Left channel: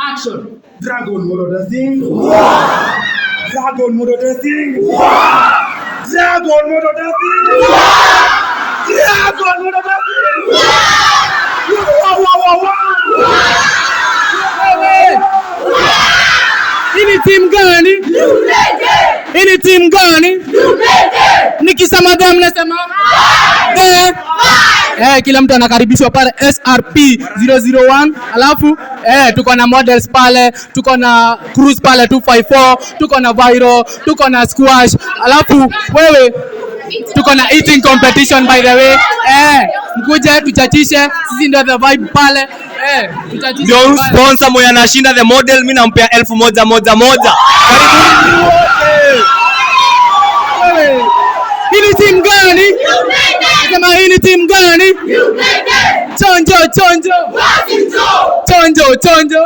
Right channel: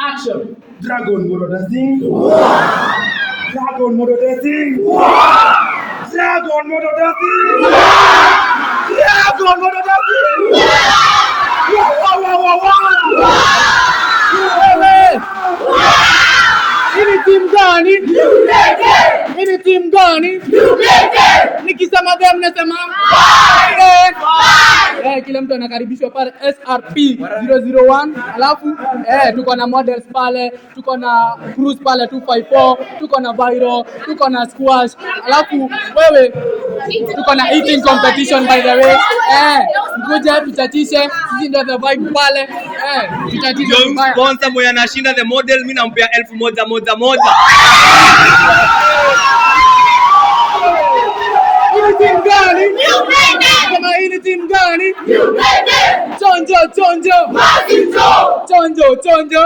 Action. Dragon Moro Dancing. Dragon Moro Dancing. Dragon Moro Dancing. Dragon Moro Dancing. Ini team gani? Ini team gani? Nikisema dem nasema kila mtu anakaribishwa pale SRP 001. Alafu tuko na models pale, tuko na cruise pale 254, tuko na viral, tuko na squash. Alafu wewe tuko na eating competition by the way. Mkuje tuchachishe, sisi ndio the vibe pale. Tuchachishe. Ndio sponsor moya anashinda the model, mimi nampea 1,000. Hii team gani? Kama hii team gani? Chonjo. Wazi Joe. Chonjo.